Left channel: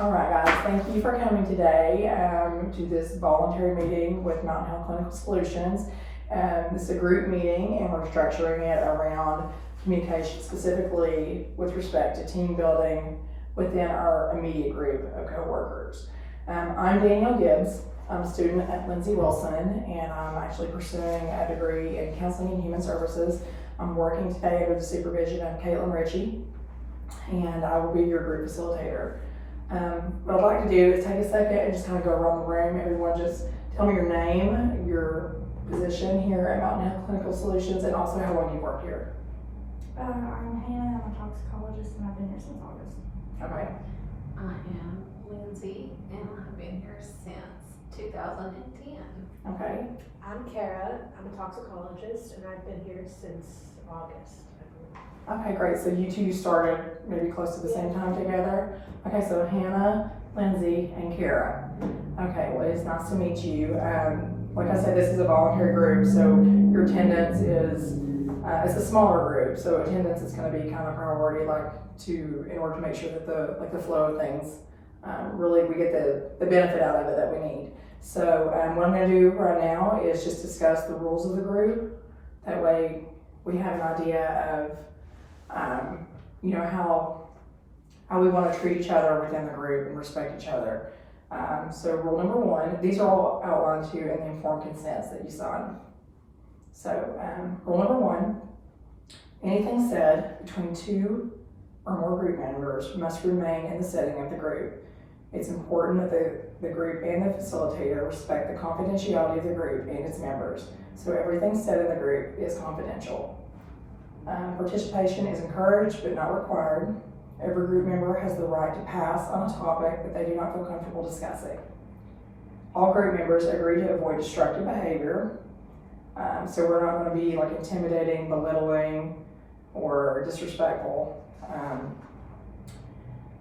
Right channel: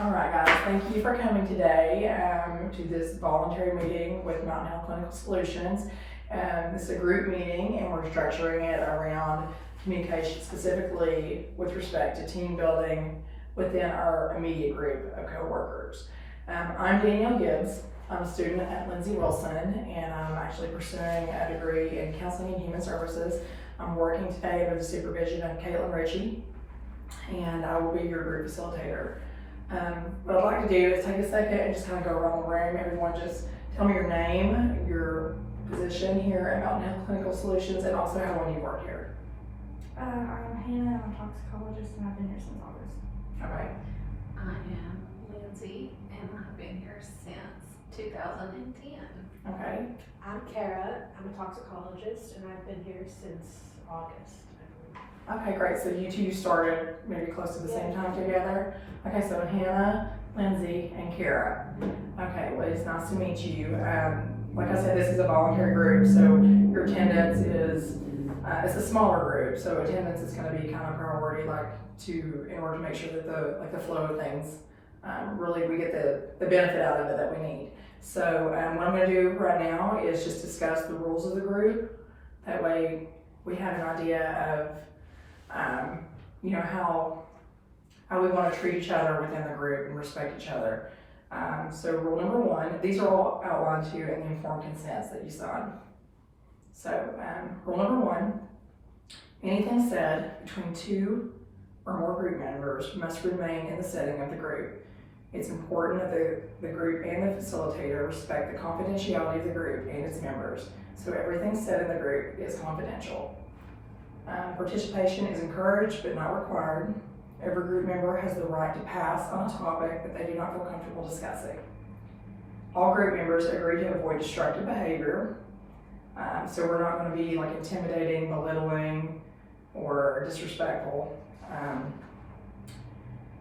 All right, guys, thank you for coming today to this voluntary meeting with Mountain Health Clinical Solutions. This is a group meeting, and we're structuring it around communication, specifically with respect to team building within our immediate group of coworkers. I'm Danielle Gibbs. I'm a student at Lindsay Wilson, and I'm actually pursuing a degree in counseling and human services. I'm working today under the supervision of Caitlin Ritchie, and I will be your group facilitator. What I'd like to do is take a second and just kind of go around the room. Everyone just tell me your name, your position here at Mountain Health Clinical Solutions, and also how long you work here. I'm Hannah, I'm a toxicologist, and I've been here since August. Okay. I am Lindsay, and I've been here since 2010. Okay. I'm Kara, I'm a toxicologist, and I've been here since August, I believe. Okay, great. So you two started maybe close to the same time together. Okay, so Hannah, Lindsay, and Kara. Okay, well, it's nice to meet you. Like I said, this is a voluntary group, so your attendance is, it's a smaller group, so attendance is going to be kind of priority, in order to make sure that the flow of things, really we get the benefit out of it that we need. So what I'm going to do right now is just discuss the rules of the group. That way we have an idea of how we want to treat each other within the group and respect each other. So rule number one, these are all outlined to you in the informed consents that you sign. So rule number one, anything said between two or more group members must remain in the setting of the group. It's important that the group and the facilitator respect the confidentiality of the group and its members. So everything said in the group is confidential. Participation is encouraged but not required. Every group member has the right to pass on a topic that they do not feel comfortable discussing. All group members agree to avoid destructive behavior. So we're not going to be intimidating, belittling, or disrespectful.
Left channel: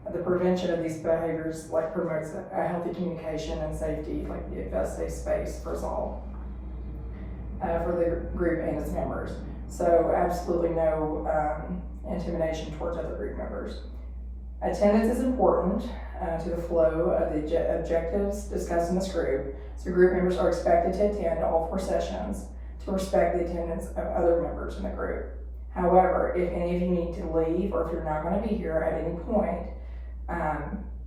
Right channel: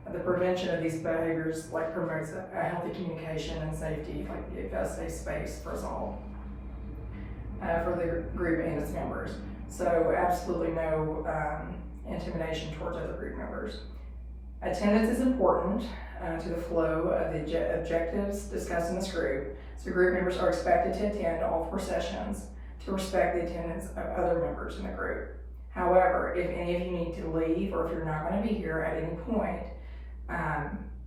The prevention of these behaviors promotes a healthy communication and safety, it does safe space for us all, for the group and its members. So absolutely no intimidation towards other group members. Attendance is important to the flow of the objectives discussed in this group. So group members are expected to attend all 4 sessions to respect the attendance of other members in the group. However, if any of you need to leave or if you're not going to be here at any point,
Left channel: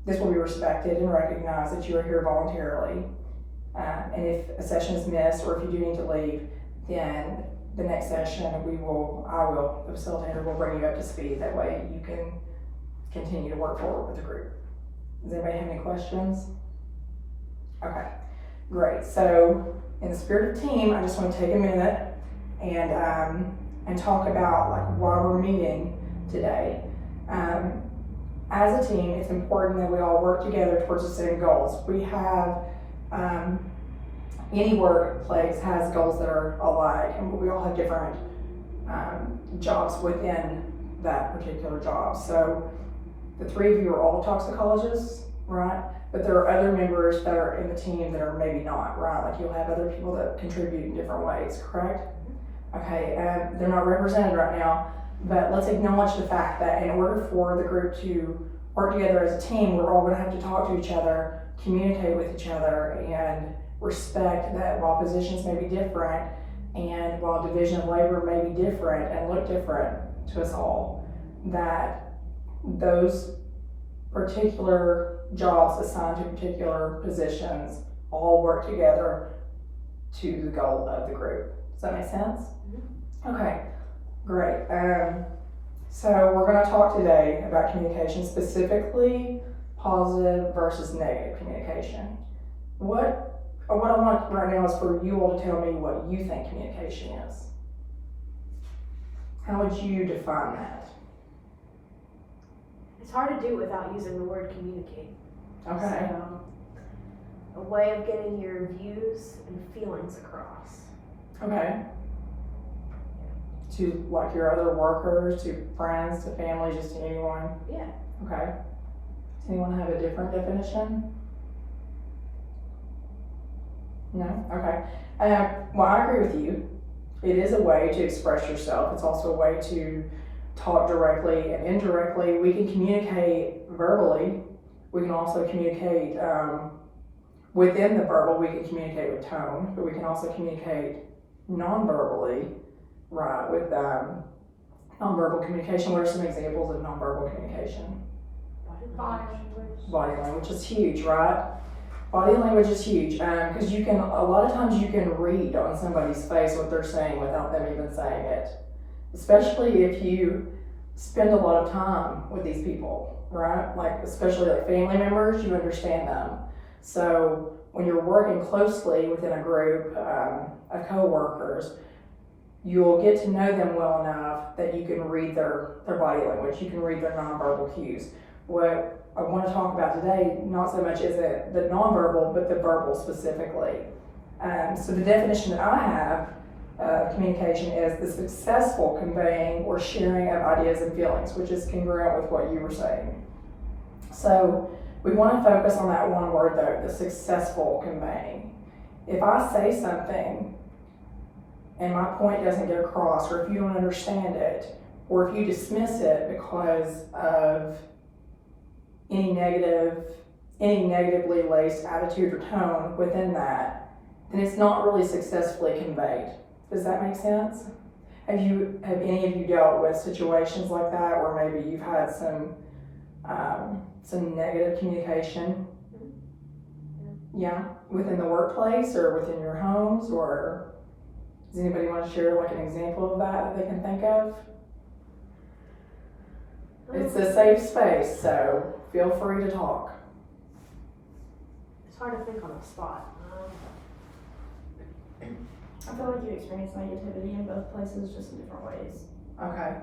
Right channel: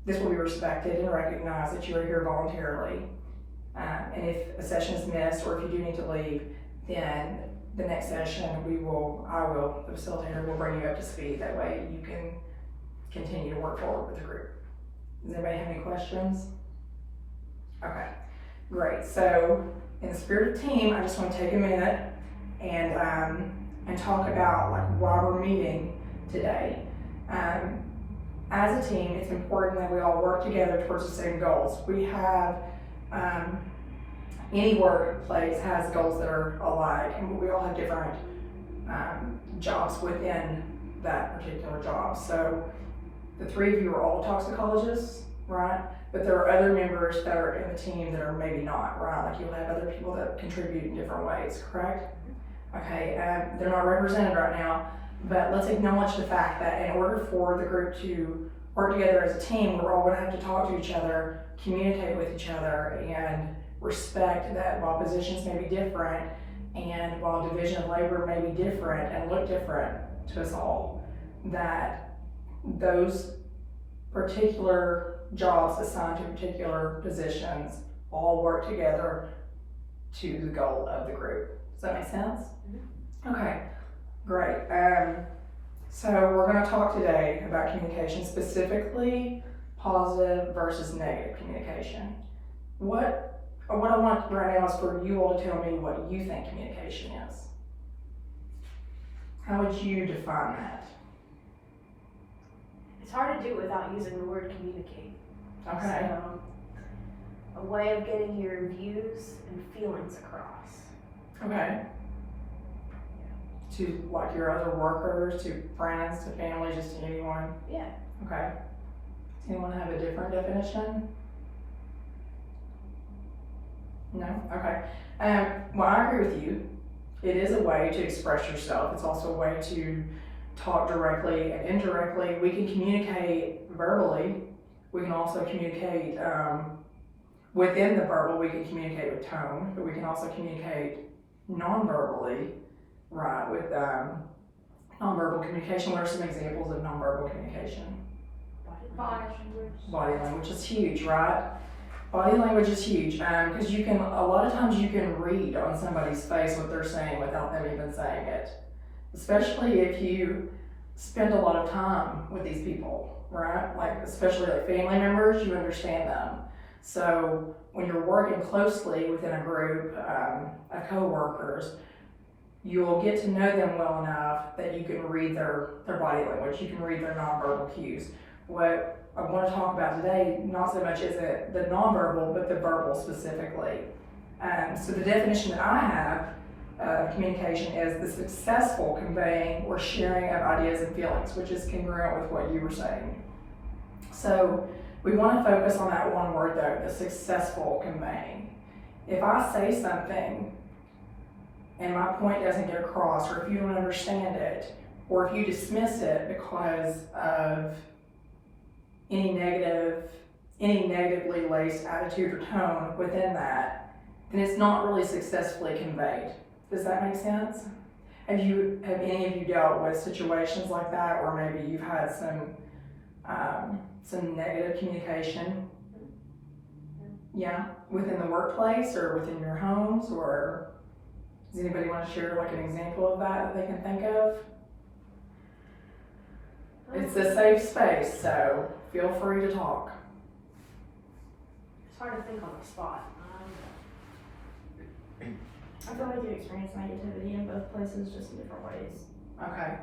this will be respected and recognized that you are here voluntarily. And if a session is missed or if you do need to leave, then the next session the facilitator will bring you up to speed. That way you can continue to work forward with the group. Does anybody have any questions? Okay, great. So in the spirit of team, I just want to take a minute and talk about why we're meeting today. As a team, it's important that we all work together towards the same goals. We have, any workplace has goals that are alike, and we all have different jobs within that particular job. So the 3 of you are all toxicologists, right? But there are other members that are in the team that are maybe not, right? You'll have other people that contribute in different ways, correct? Okay, they're not represented right now, but let's acknowledge the fact that in order for the group to work together as a team, we're all going to have to talk to each other, communicate with each other, and respect that while positions may be different and while division of labor may be different and look different to us all, that those particular jobs assigned to particular positions all work together to the goal of the group. Does that make sense? Mm-hmm. Okay, great. So we're going to talk today about communication, specifically positive versus negative communication. What I want right now is for you all to tell me what you think communication is. How would you define that? It's hard to do without using the word communicate. Okay. So, a way of getting your views and feelings across. Okay. To your other workers, to friends, to family, just to anyone? Yeah. Okay. Does anyone have a different definition? No? Okay. Well, I agree with you. It is a way to express yourself. It's also a way to talk directly and indirectly. We can communicate verbally We can also communicate within the verbal. We can communicate with tone, but we can also communicate non-verbally, right? With nonverbal communication. What are some examples of nonverbal communication? Body language. Body language is huge, right? Body language is huge because you can, a lot of times you can read on somebody's face what they're saying without them even saying it. Especially if you spend a lot of time with these people, right? Like, especially like family members, you understand them. So when you're working closely within a group of coworkers, you'll get to know them well enough that you can read their body language. You can read their nonverbal cues. What I want to talk about today, not so much is it the nonverbal, but the verbal specifically. So the definition that I have of communication is the successful conveying or sharing of ideas and feelings, which is congruent with what you were saying. So we want to focus on that one word though, the successful conveying. If I say something and my point doesn't get across, or if you don't understand it, or if you dismiss it because of any negatively laced attitude or tone within that, then it's not really successfully conveyed. Does that make sense? Have any of you dealt with situations like that where maybe you've had some negative communication? Yeah, within the workplace or within your homes, or does anybody want to share like an example of that they can think of? It's a safe space, so feel free to talk. It's hard to think on the spot. I feel like you experience negativity in both places, just in different ways, Okay.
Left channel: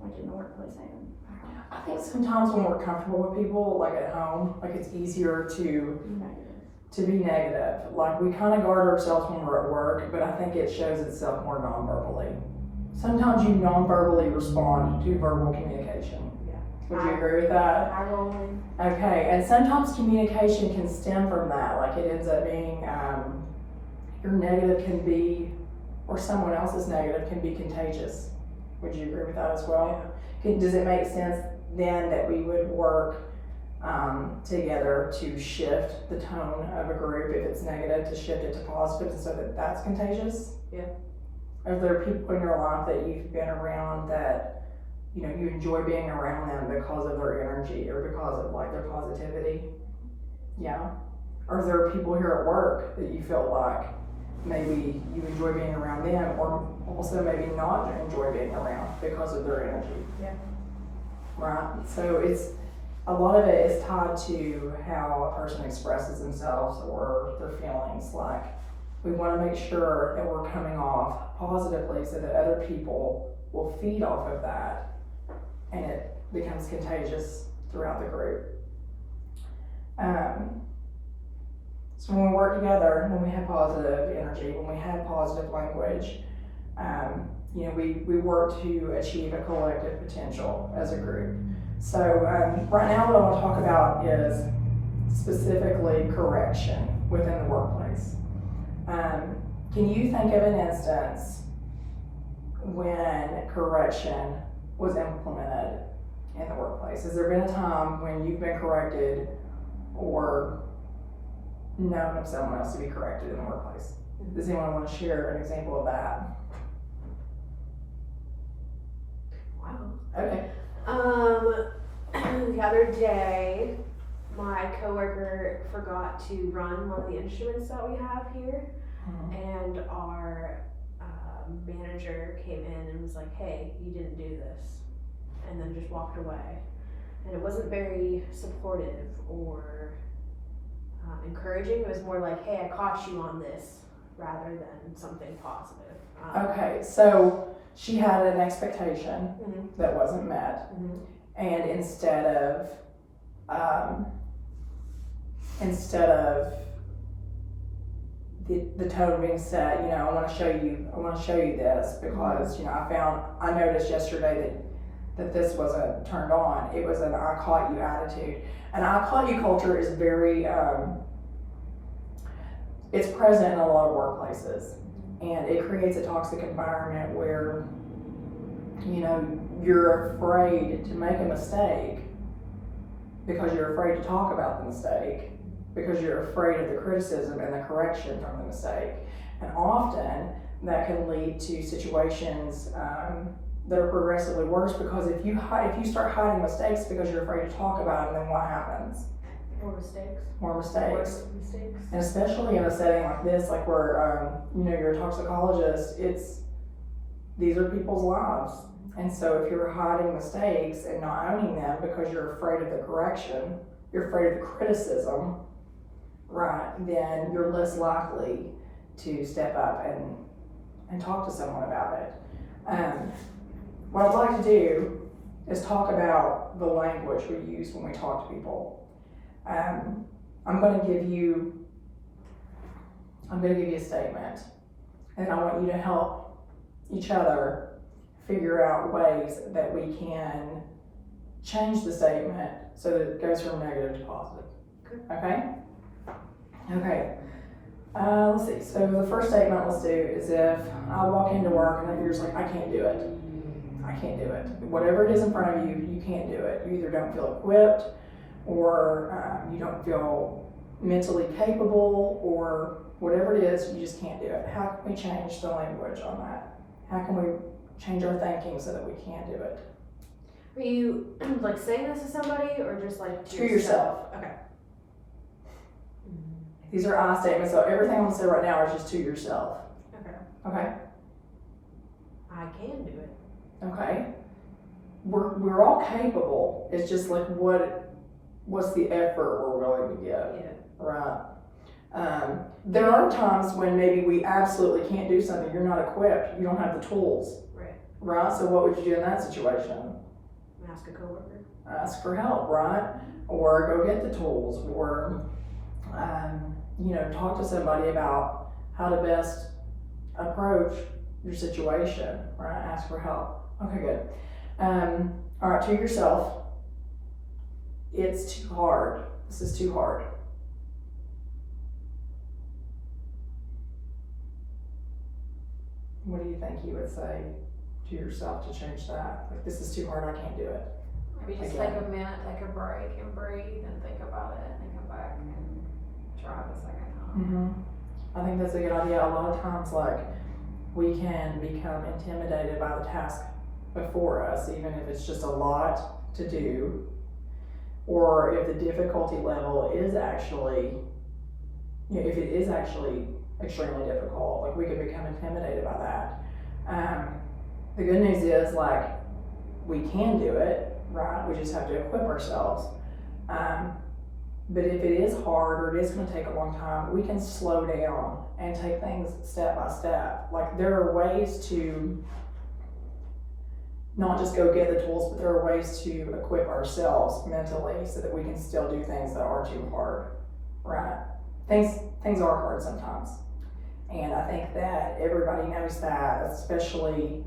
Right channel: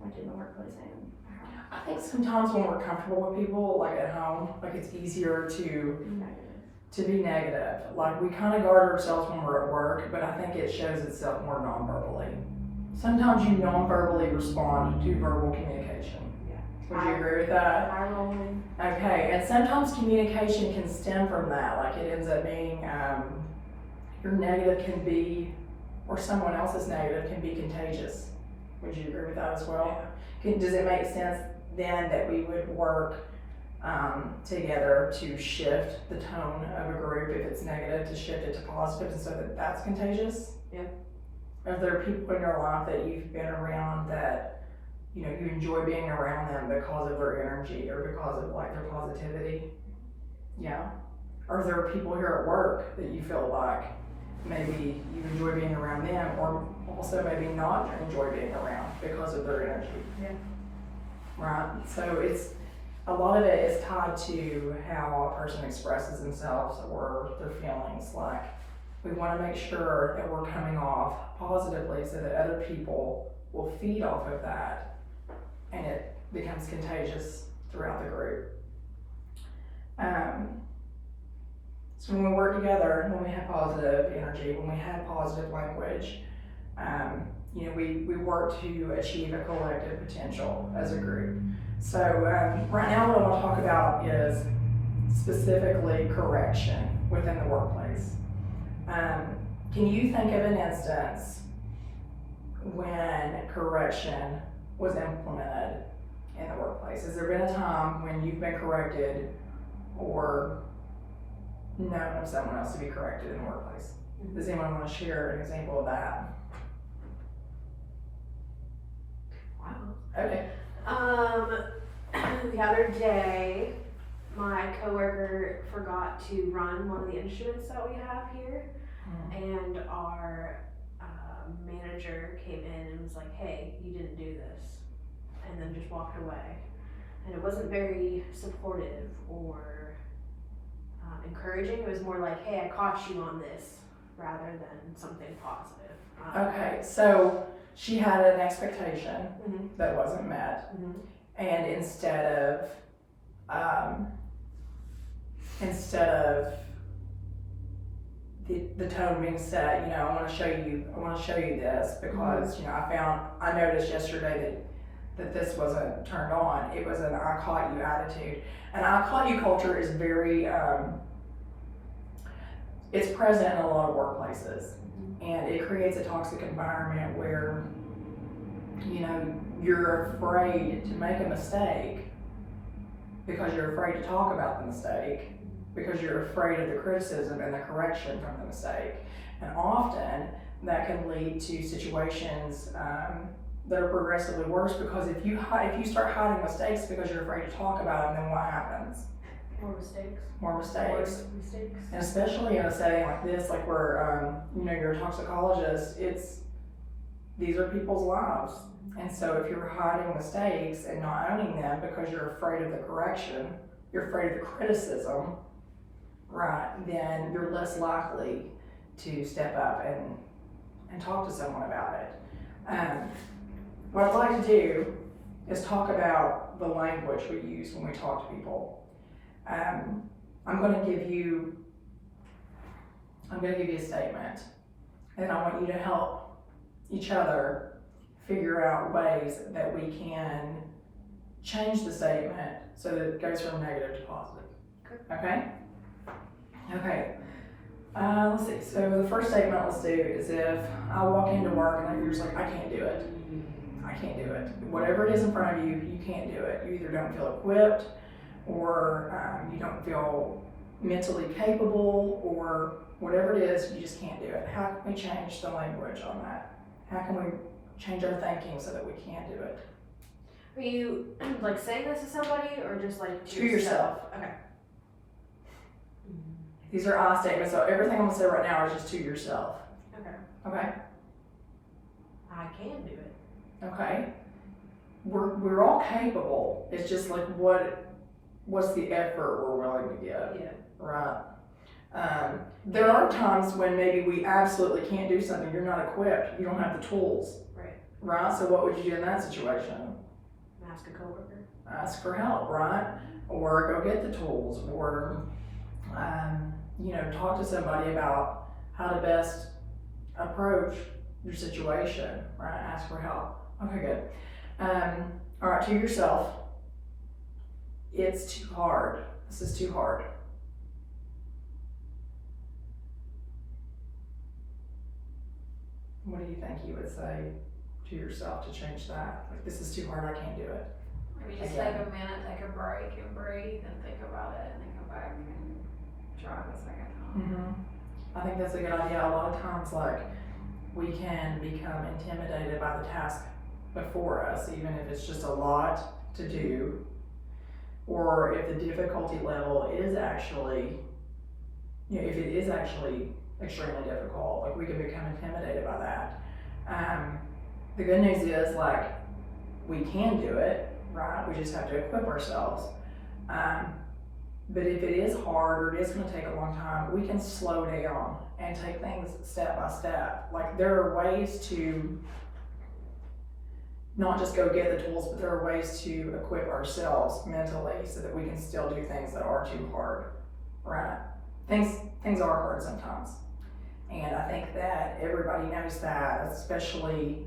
like in the workplace and at home. I think sometimes when we're comfortable with people, like at home, like it's easier to Negative. be negative. Like we kind of guard ourselves when we're at work, but I think it shows itself more non-verbally. Sometimes you non-verbally respond to verbal communication. Yeah. Would you agree with that? Eye rolling. Okay, and sometimes communication can stem from that. Like it ends up being, your negative can be, or someone else's negative can be contagious. Would you agree with that as well? Does it make sense then that we would work together to shift the tone of a group if it's negative, to shift it to positive so that that's contagious? Yeah. Are there people in your life that you've been around that, you know, you enjoy being around them because of their energy or because of like their positivity? Yeah. Are there people here at work that you feel like maybe you enjoy being around them, or also maybe not enjoy being around because of their energy? Yeah. Right? So it's, a lot of it is tied to how a person expresses themselves or their feelings. Like, we want to make sure that we're coming off positively so that other people will feed off of that and it becomes contagious throughout the group. So when we work together, when we have positive energy, when we have positive language, you know, we work to achieve a collective potential as a group. So right now what I want to talk about is specifically correction within the workplace. Can you think of an instance when correction was implemented in the workplace? Has there been a time when you've been corrected or known of someone else to be corrected in the workplace? Does anyone want to share an example of that? Wow. Okay. The other day, my coworker forgot to run one of the instruments that we have here, and our manager came in and was like, "Hey, you didn't do this," and then just walked away. And it wasn't very supportive or encouraging. It was more like, "Hey, I caught you on this," rather than something positive. Okay, so she had an expectation Mhm. that wasn't met, Mhm. and instead of the tone being set, you know, I want to show you this because, you know, I noticed yesterday that this wasn't turned on. It was an I caught you attitude. And I caught you culture is very, it's present in a lot of workplaces. And it creates a toxic environment where, you know, you're afraid to make a mistake because you're afraid to talk about the mistake, because you're afraid of the criticism and the correction from the mistake. And often that can lead to situations that are progressively worse, because if you start hiding mistakes because you're afraid to talk about them, then what happens? More mistakes. More mistakes. More mistakes. And especially in a setting like this, like where you're a toxicologist, these are people's lives. And so if you're hiding mistakes and not owning them because you're afraid of the correction, you're afraid of the criticism, right, then you're less likely to step up and talk to someone about it. What I'd like to do is talk about the language we use when we talk to people. I'm going to give you a statement, and I want you to help each other figure out ways that we can change the statement so that it goes from negative to positive. Okay? Okay. Let's see. So the first statement let's do is if I walk into work and you're just like, I can't do it. I can't do it. Whatever it is in front of you, you can't do it. You either don't feel equipped, or you don't feel mentally capable, or whatever it is, you just can't do it. How can we change the language on that? How can we change our thinking so that we can do it? Are you like saying this to somebody or just like To yourself. Okay. These are I statements, so everything I'm gonna say right now is just to yourself. Okay. Okay? I can do it. Okay? We're all capable. It's just like what's the effort we're willing to give, Yeah. right? There are times when maybe we absolutely can't do something. You're not equipped. You don't have the tools, right? So what would you do in that situation? Ask a coworker. Ask for help, right? Or go get the tools, or talk to somebody about how to best approach your situation, right? Ask for help. Okay, good. All right, to yourself, it's too hard. This is too hard. What do you think you would say to yourself to change that? Like, this is too hard, I can't do it. Maybe just Again. take a minute, take a break and breathe and think about it, and then come back and try it a second time. I think that's a good idea. A lot of times, like, we can become intimidated by the task before us, even if it's just a lot to do, or if the difficulty level is actually, if it is actually extremely difficult, like, we can become intimidated by that. The good news is, like, we can do it, right? We just have to equip ourselves. But if it is hard, or it is gonna take a long time, we can slow down and take things step by step. Like, there are ways to not just go get the tools, but there are ways to equip ourselves mentally so that we can still do things that are too hard, right? Things are hard sometimes. And I think that everybody knows that, especially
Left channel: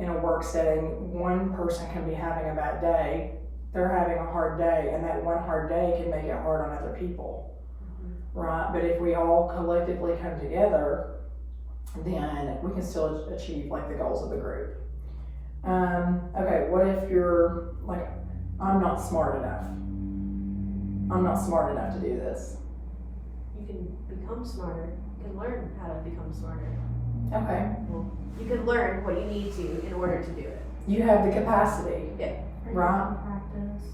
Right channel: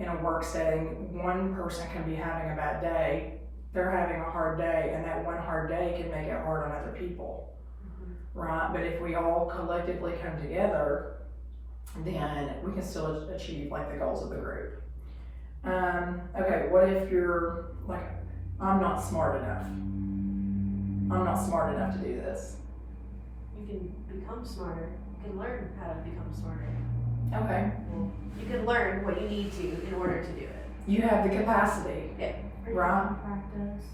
in a work setting. One person can be having a bad day, they're having a hard day, and that one hard day can make it hard on other people, right? But if we all collectively come together, then we can still achieve, like, the goals of the group. Okay, what if you're like, I'm not smart enough. I'm not smart enough to do this. You can become smarter. You can learn how to become smarter. Okay, You can learn what you need to in order to do it. you have the capacity. Or Right. you can practice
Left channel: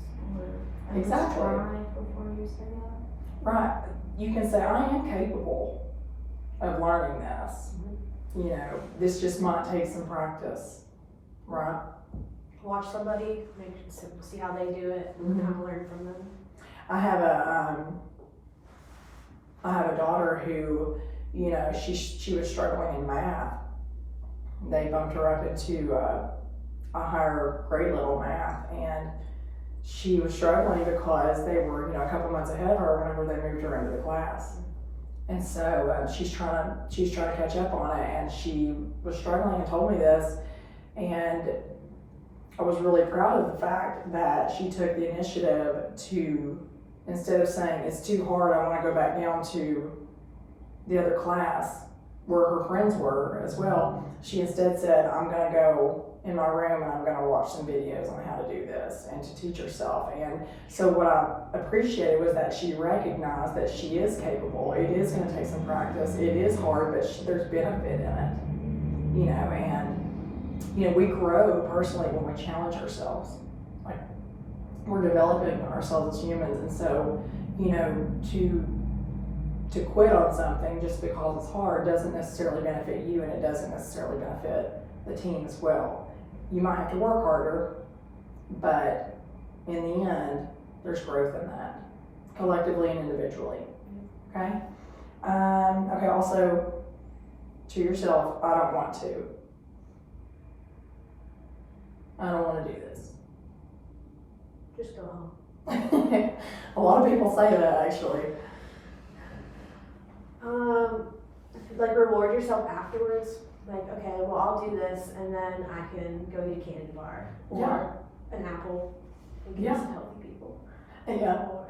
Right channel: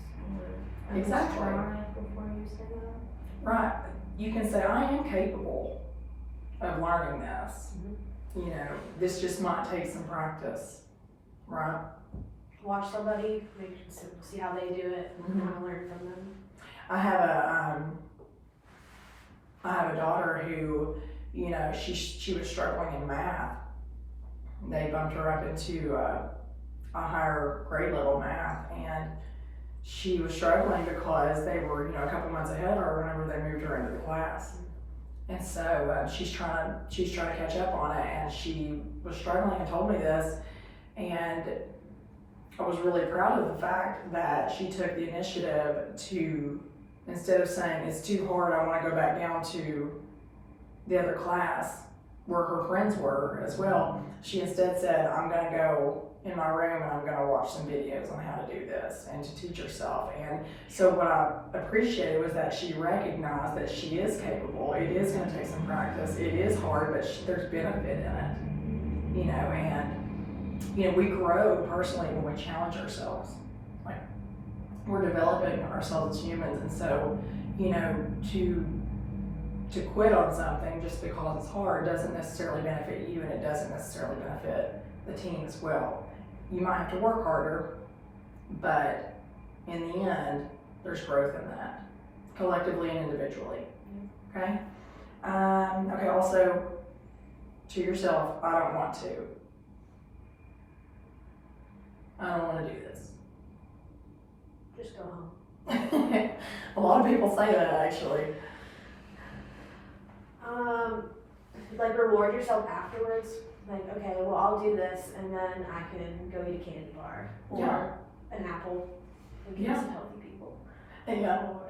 or Exactly. try before you say that. Right, you can say, I am capable of learning this. This just might take some practice, right? Watch somebody, see how they do it, Mhm. kind of learn from them. I have a daughter who, she was struggling in math. They bumped her up into a higher grade level math, and she was struggling because they were, a couple months ahead of her whenever they moved her into the class. And so she's trying to catch up on it, and she was struggling and told me this, and I was really proud of the fact that she took the initiative to, instead of saying it's too hard, I want to go back down to the other class where her friends were as well, she instead said, I'm going to go in my room and I'm gonna watch some videos on how to do this and to teach herself. And so what I appreciated was that she recognized that she is capable. It is gonna take some practice. It is hard, but there's benefit in it, you know, and, you know, we grow personally when we challenge ourselves. Like, we're developing ourselves as humans, and so, you know, to quit on something just because it's hard doesn't necessarily benefit you, and it doesn't necessarily benefit the team as well. You might have to work harder, but in the end, there's growth in that, collectively and individually. Okay? Okay, also, to yourself, I don't want to. I don't want to do this. Just go home. A lot of people say that, actually. Like reward yourself afterwards. Like, okay, well, I'll do this, and then I can go eat a candy bar or an apple and get some healthy people. Yeah. Or,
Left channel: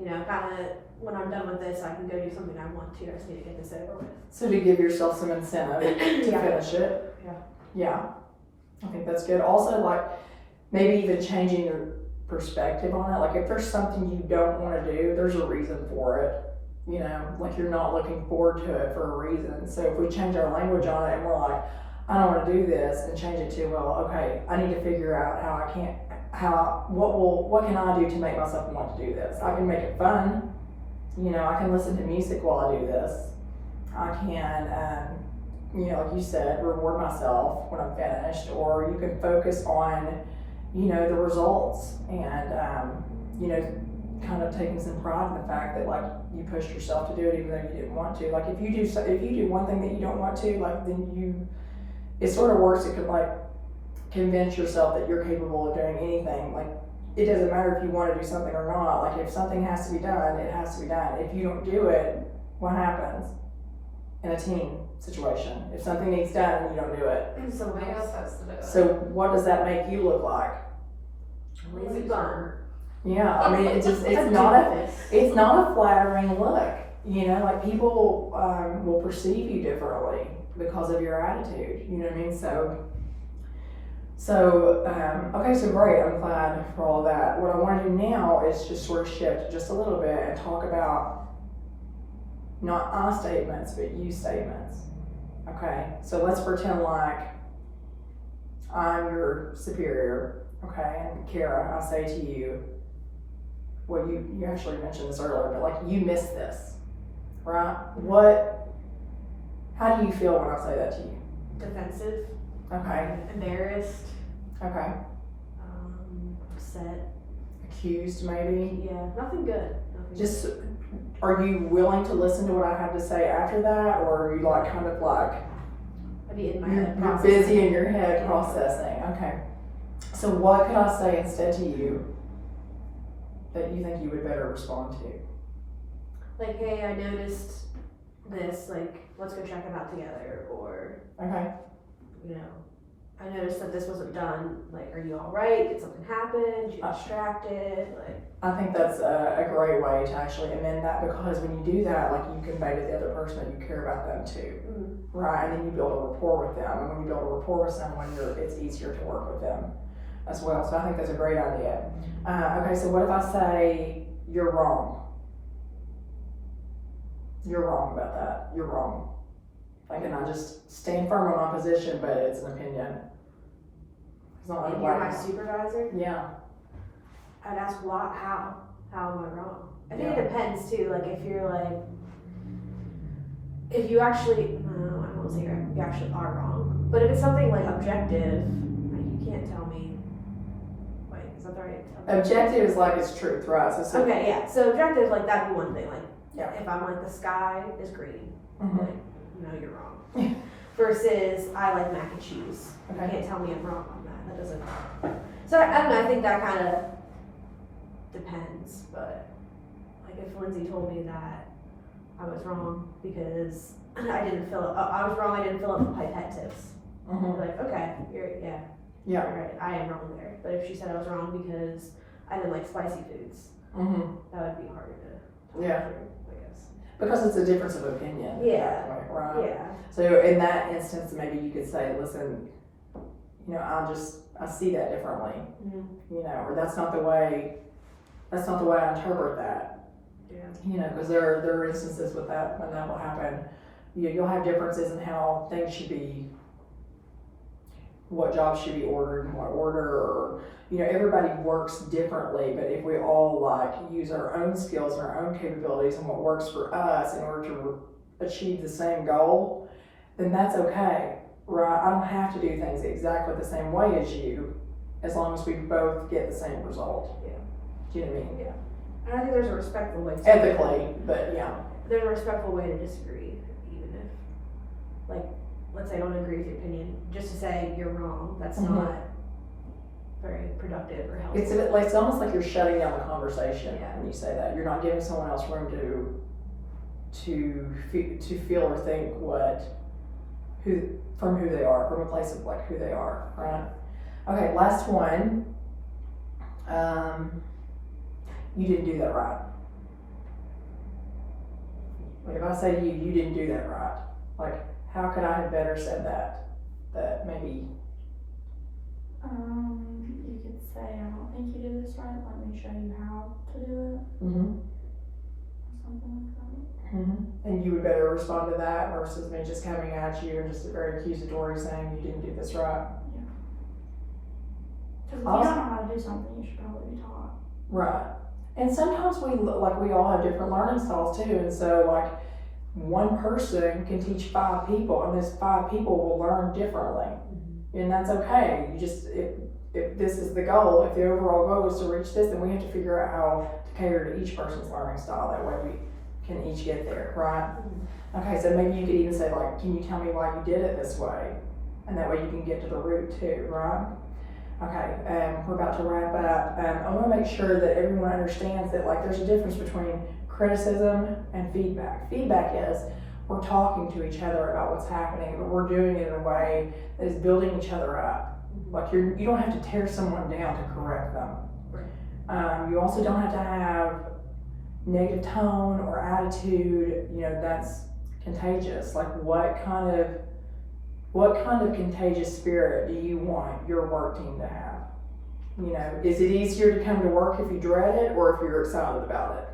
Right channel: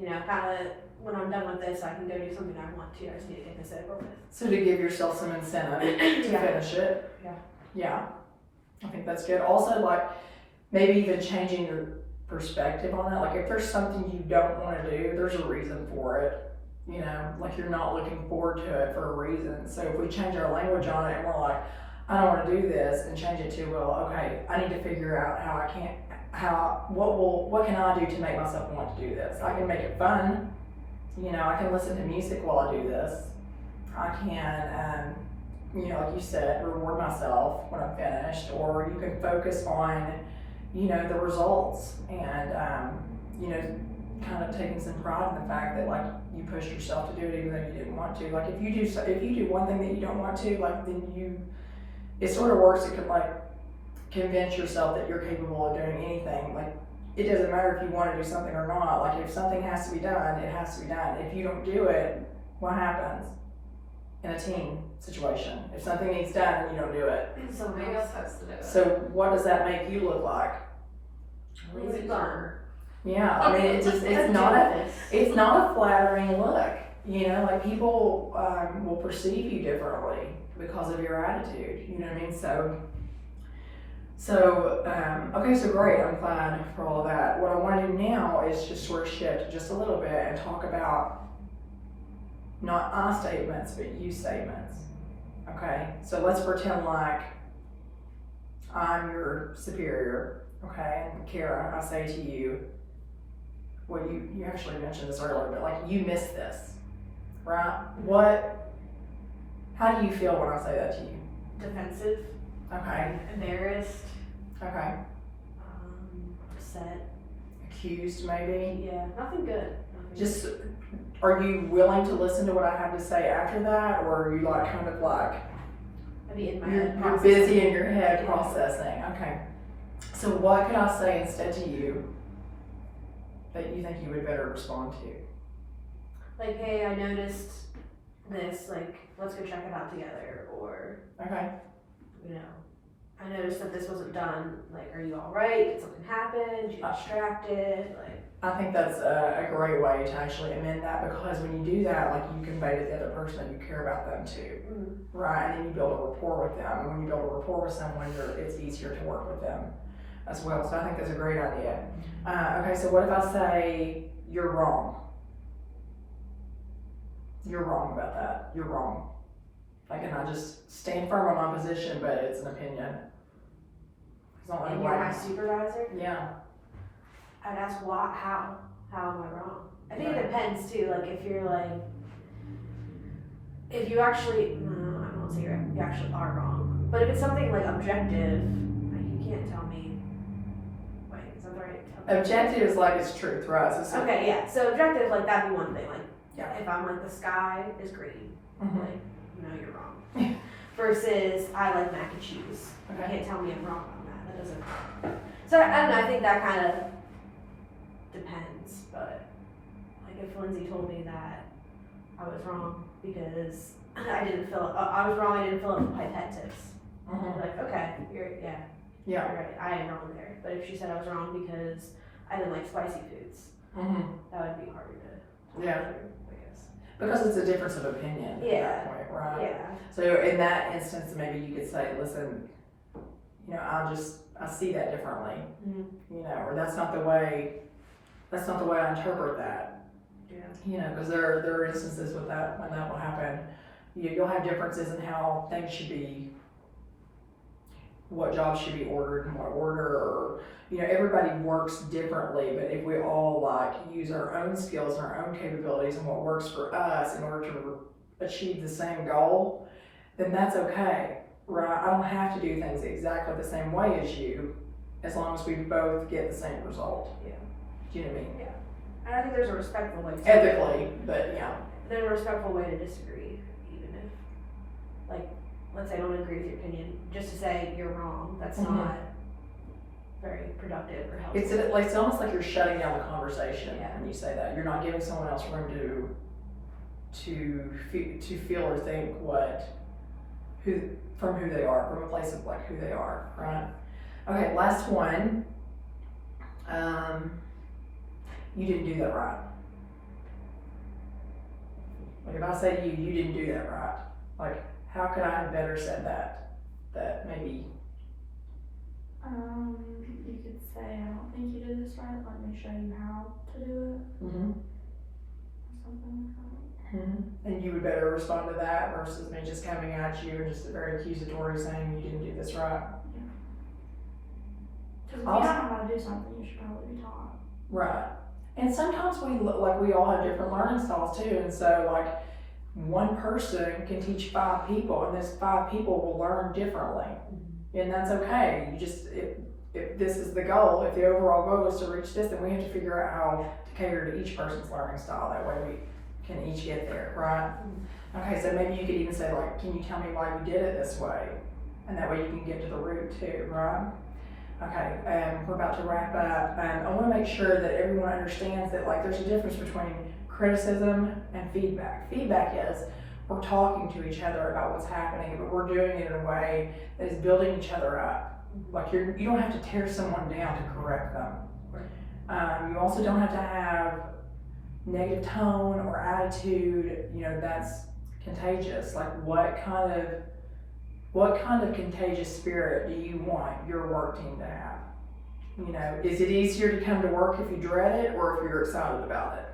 you know, kind of when I'm done with this, I can go do something I want to. I just need to get this over with. So to give yourself some incentive to Yeah. finish it. Yeah. Yeah. I think that's good. Also, like, maybe even changing your perspective on it. Like, if there's something you don't want to do, there's a reason for it. You know, like, you're not looking forward to it for a reason. So if we change our language on it and we're like, I don't want to do this, and change it to, well, okay, I need to figure out what can I do to make myself want to do this? I can make it fun. You know, I can listen to music while I do this. I can, you know, like you said, reward myself when I'm finished, or you can focus on, you know, the results and, you know, kind of taking some pride in the fact that, like, you pushed yourself to do it even though you didn't want to. Like, if you do one thing that you don't want to, like, then it sort of works. It could, like, convince yourself that you're capable of doing anything. Like, it doesn't matter if you want to do something or not. Like, if something has to be done, it has to be done. If you don't do it, what happens in a team situation? If something needs done and you don't do it, Somebody else has to do it. so what does that make you look like? Lazy bum. Yeah, I mean, it's not a flattering look. You know, like, people will perceive you differently because of your attitude. You know what I mean? So okay, so great. I'm glad for all of that. What I want to do now is just sort of shift just a little bit and talk about not I statements, but you statements. Okay, so let's pretend like I'm your superior. Okay, and Kara, I say to you, well, you actually mentioned this earlier, but like, you missed this, right? How do you feel when I say that to you? Defensive. Okay. Embarrassed. Okay. Upset. Accused, maybe? Yeah, nothing good. Just, are you willing to listen to what I have to say after that, or are you like, kind of like, I'd be in my you're head. busy in your head Yeah. processing? Okay. So what could I say instead to you that you think you would better respond to? Like, hey, I noticed this, like, let's go check it out together, or, Okay. you know, I noticed that this wasn't done, like, are you alright, did something happen, did you get distracted, like. I think that's a great way to actually amend that, because when you do that, like, you convey to the other person that you care about them too, right? And then you build a rapport with them, and when you build a rapport with someone, it's easier to work with them as well. So I think that's a great idea. Okay, so what if I say, you're wrong? You're wrong about that. You're wrong. Like, and I just stand firm on my position, but it's an opinion. It's not like, And you're my supervisor, yeah. I'd ask how am I wrong? I think Yeah. it depends too, like, if you're like, if you actually, no, I won't say you actually are wrong, but if it's something like objective, like, you can't tell me, wait, is that the right term? Objective is like it's truth, right? So Okay, yeah, so objective, like, that'd be one thing, like, Yeah. if I'm like, the sky is green, Mhm. like, no, you're wrong. Versus, I like mac and cheese. You Okay. can't tell me I'm wrong on that. That doesn't. So I don't know. I think that kind of depends. But like, if Lindsay told me that I was wrong because I didn't fill, I was wrong. I didn't fill up the pipette tips. Mhm. Like, okay, you're Yeah. you're right. I am wrong there. But if she said I was wrong because I didn't like spicy foods, Mhm. that would be harder to. Yeah. I guess. Because it's a difference of opinion. Yeah. At that point, right? Yeah. So in that instance, maybe you could say, listen, you know, I see that differently, Mhm. you know, or that's not the way I interpret that. Yeah. You know, because there are instances with that when that will happen. You'll have differences in how things should be, what jobs should be ordered in what order, or you know, everybody works differently. But if we all like use our own skills and our own capabilities and what works for us in order to achieve the same goal, then that's okay, right? I don't have to do things exactly the same way as you, as long as we both get the same result. Yeah. Do you know what I mean? And I think there's a respectful way to Ethically, but yeah. There's a respectful way to disagree, even if, like, let's say I don't agree with your opinion, just to say you're wrong, that's Mhm. not very productive or helpful. It's almost like you're shutting down the conversation Yeah. when you say that. You're not giving someone else room to feel or think who they are, from a place of like who they are, right? Okay, last one. You didn't do that right. Like if I say to you, you didn't do that right. Like how could I have better said that? That maybe. You could say, I don't think you did this right, let me show you how to do it, Mm-hmm. something like that. Mm-hmm. And you would better respond to that versus me just coming at you and just very accusatory saying you didn't do this right. Because if you Also- don't know how to do something, you should probably be taught. Right. And sometimes we all have different learning styles too. And so like one person can teach 5 people and those 5 people will learn differently. And that's okay. You just, if this is the goal, if the overall goal is to reach this, then we have to figure out how to cater to each person's learning style. That way we can each get there, right? Okay, so maybe you could even say like, can you tell me why you did it this way? And that way you can get to the root too, right? Okay, we're about to wrap up. I want to make sure that everyone understands that like there's a difference between criticism and feedback. Feedback is we're talking to each other about what's happening, but we're doing it in a way that is building each other up. Like you don't have to tear someone down to correct them. You also don't have to have negative tone or attitude. You know, that's contagious. Like what kind of contagious spirit do you want your work team to have? You know, is it easier to come to work if you dread it or if you're excited about it?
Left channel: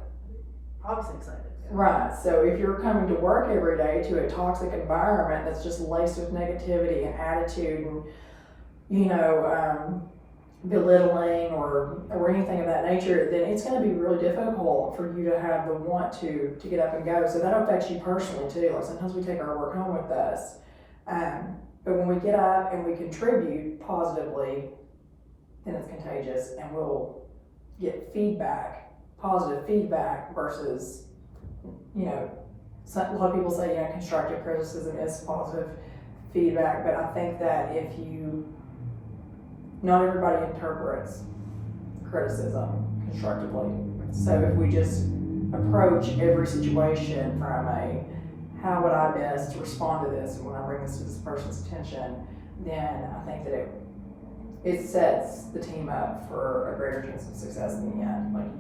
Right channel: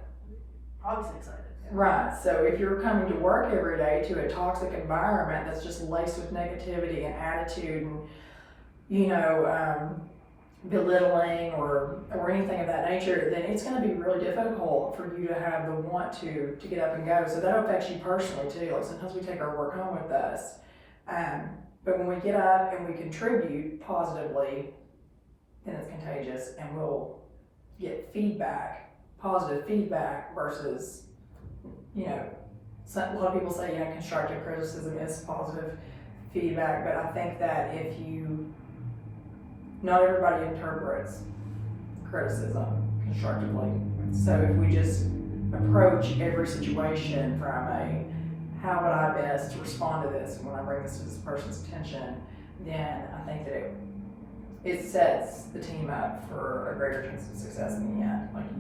Obviously excited. Right, so if you're coming to work every day to a toxic environment that's just laced with negativity and attitude and, you know, belittling or anything of that nature, then it's going to be really difficult for you to have the want to get up and go. So that affects you personally too. Like sometimes we take our work home with us. But when we get up and we contribute positively, then it's contagious and we'll get feedback, positive feedback versus, you know, a lot of people say, you know, constructive criticism is positive feedback, but I think that not everybody interprets criticism constructively. So if we just approach every situation from a, how would I best respond to this, and when I bring this to this person's attention, then I think that it sets the team up for a greater chance of success in the end. Like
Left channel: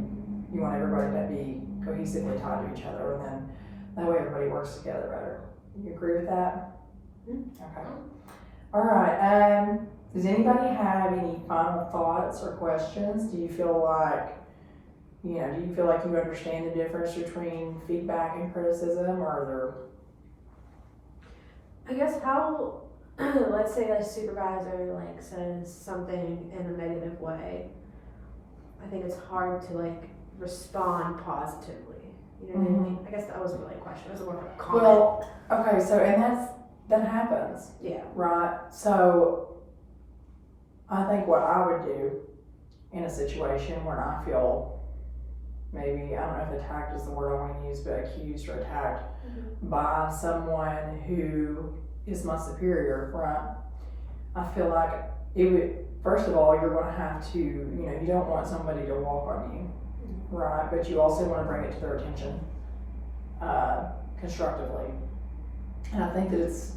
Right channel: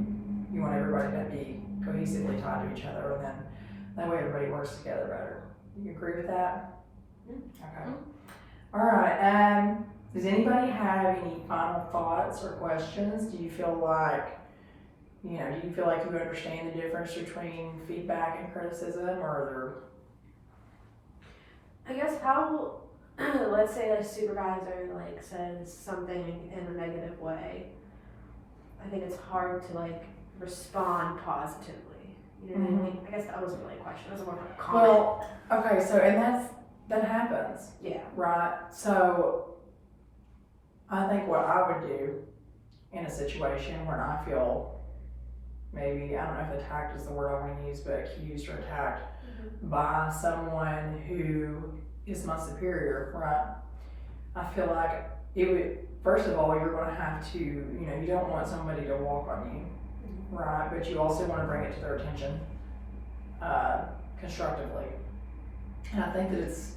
you want everybody to be cohesively tied to each other, and then that way everybody works together better. You agree with that? Okay. All right. Does anybody have any final thoughts or questions? Do you feel like you understand the difference between feedback and criticism, or are I guess how, let's say a supervisor like says something in a negative way, I think it's hard to like respond positively. You know what I mean? I guess that wasn't really a question, it was more of a comment. Well, okay, so and that happens. Yeah. Right? So I think what I would do in a situation where I feel maybe, I don't know if attacked is the word I want to use, but accused or attacked by someone who is my superior, right? I feel like it would, first of all, you're going to have to, you don't want somebody to walk on you, right? But you also want to bring it to their attention constructively. And I think that it's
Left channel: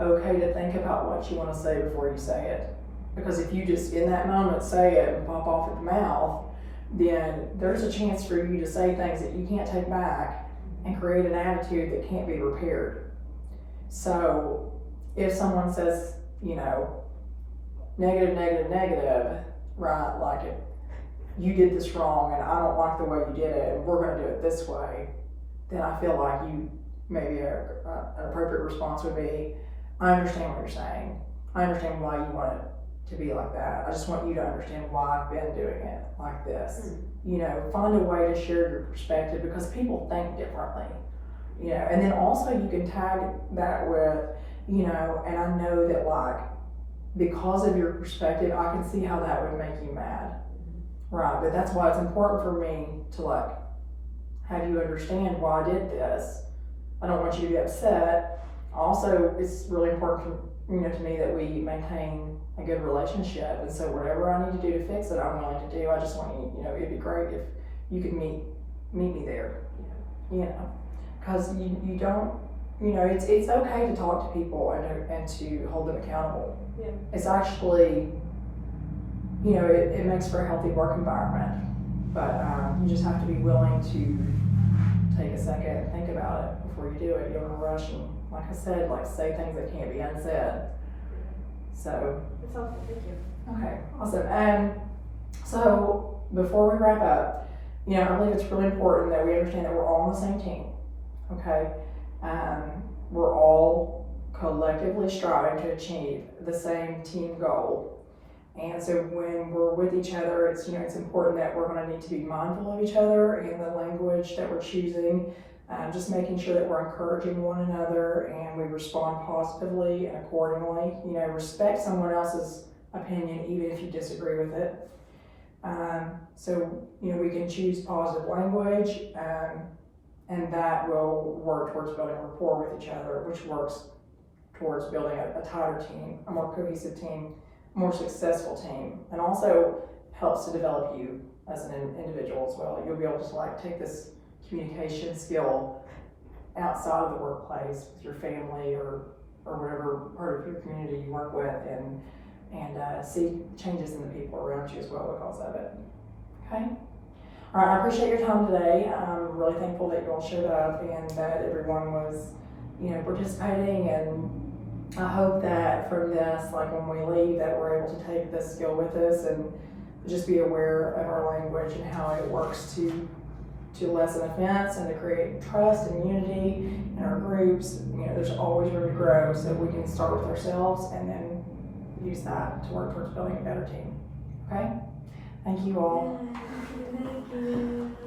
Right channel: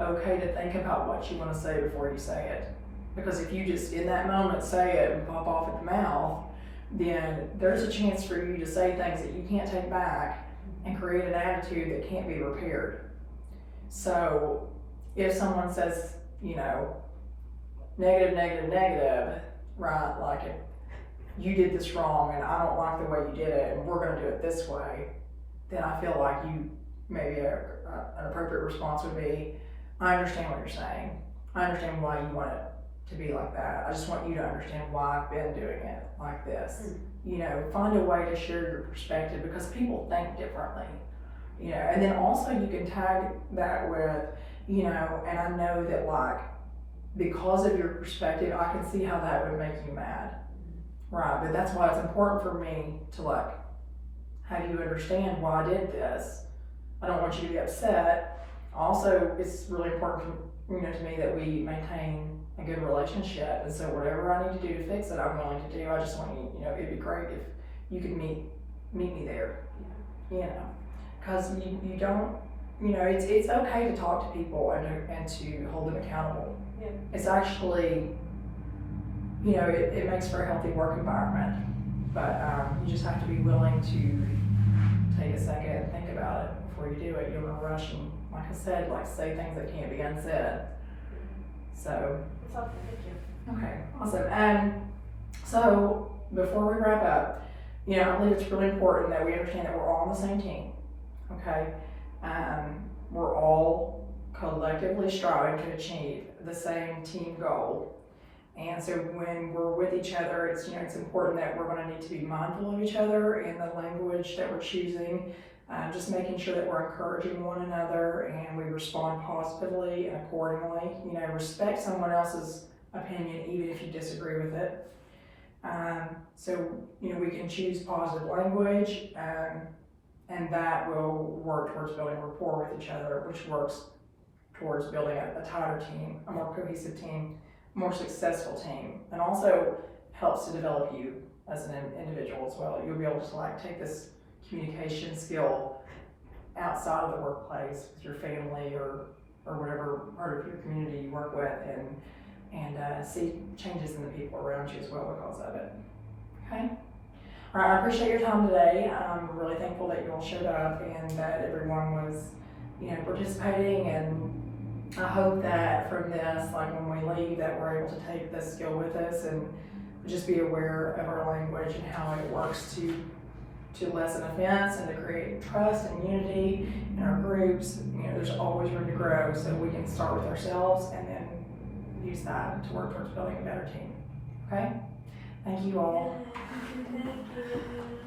okay to think about what you want to say before you say it. Because if you just in that moment say it and pop off at the mouth, then there's a chance for you to say things that you can't take back and create an attitude that can't be repaired. So if someone says, negative, right? Like if you did this wrong and I don't like the way you did it and we're gonna do it this way, then I feel like maybe an appropriate response would be, I understand what you're saying. I understand why you want it to be like that. I just want you to understand why I've been doing it like this. You know, find a way to share your perspective because people think differently. You know, and then also you can tag that with, you know, and I know that like, because of your perspective, I can see how that would make you mad. Right, but that's why it's important for me to like, have you understand why I did this. I don't want you to be upset. Also, it's really important, you know, to me that we maintain a good relationship, and so whatever I need to do to fix it, I'm willing to do. I just want you, you know, it'd be great if you could meet me there, you know, because you don't, you know, it's okay to talk to people and to hold them accountable. Yeah. It's actually, you know, it makes for a healthy work environment, but you just have to be willing to take a second and think about it before you do it. You don't want to rush and, like I said, like say things that can't be unsaid. So. That's helpful, thank you. Okay, awesome. And so before we wrap up, you know, I believe it's really important that we understand that we're all on the same team. Okay, we're all collectively striving to achieve the same team goal. And so when we're with each other, it's, you know, it's important that we're going to need to be mindful of each other and the language that we're choosing, just making sure that we're encouraging one another and we respond positively and accordingly. You know, respect someone else's opinion even if you disagree with it. So, you know, we can choose positive language and that will work towards building rapport with each other, which works towards building a tighter team, a more cohesive team, more successful team, and also helps to develop you as an individual as well. You'll be able to like take this communication skill outside of the workplace with your family or whatever part of your community you work with and see changes in the people around you as well because of it. Okay? All right, I appreciate your time today. I'm really thankful that you all showed up and that everyone was, you know, participating, and I hope that from this, like when we leave, that we're able to take this skill with us and just be aware of our language and how it works to lessen offense and to create trust and unity in our groups. You know, there's always room to grow, so we can start with ourselves and then use that to work towards building a better team. Okay? Thank you all. Thank you.